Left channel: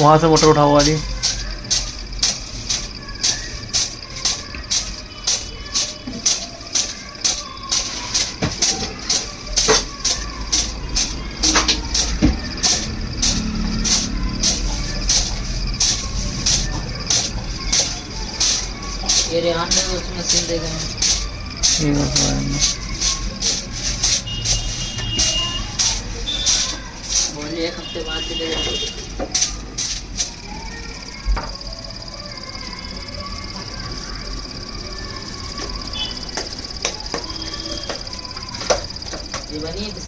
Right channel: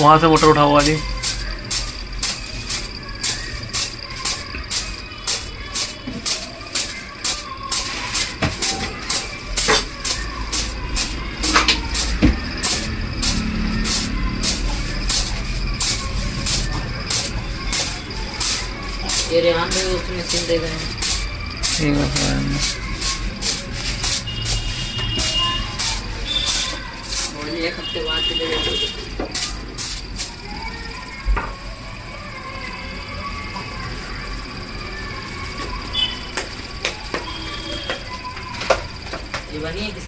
वहां से मोटर उठाओ वाली। ये रेहान में उसमें मशीन दे देना। ठीक है बोलिए एक हफ्ते बाद से दे देना। ये बनी है